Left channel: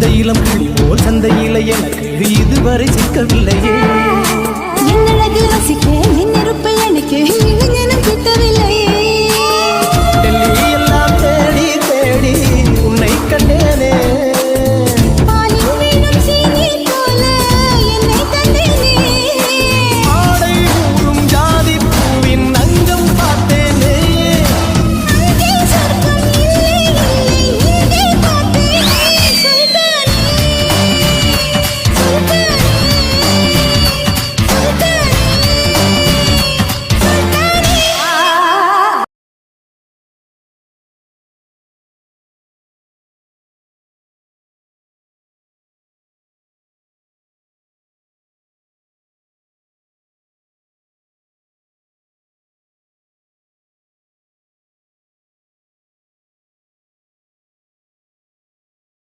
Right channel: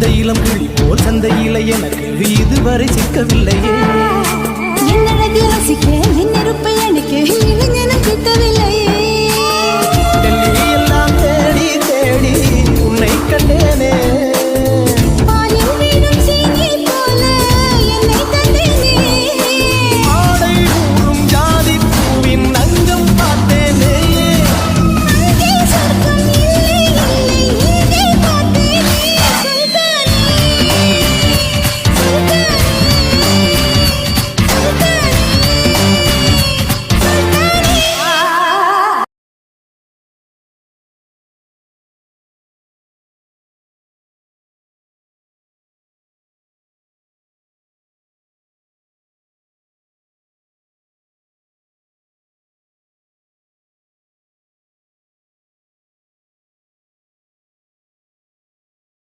இந்த இளம் கிளி போல் சந்தையில எனக்கு இதுவரை சிக்கவில்லையே. என் அழகு ரசிக்க என் நெருப்பை எனக்கு இளைஞனும் கிட்டவில்லையே.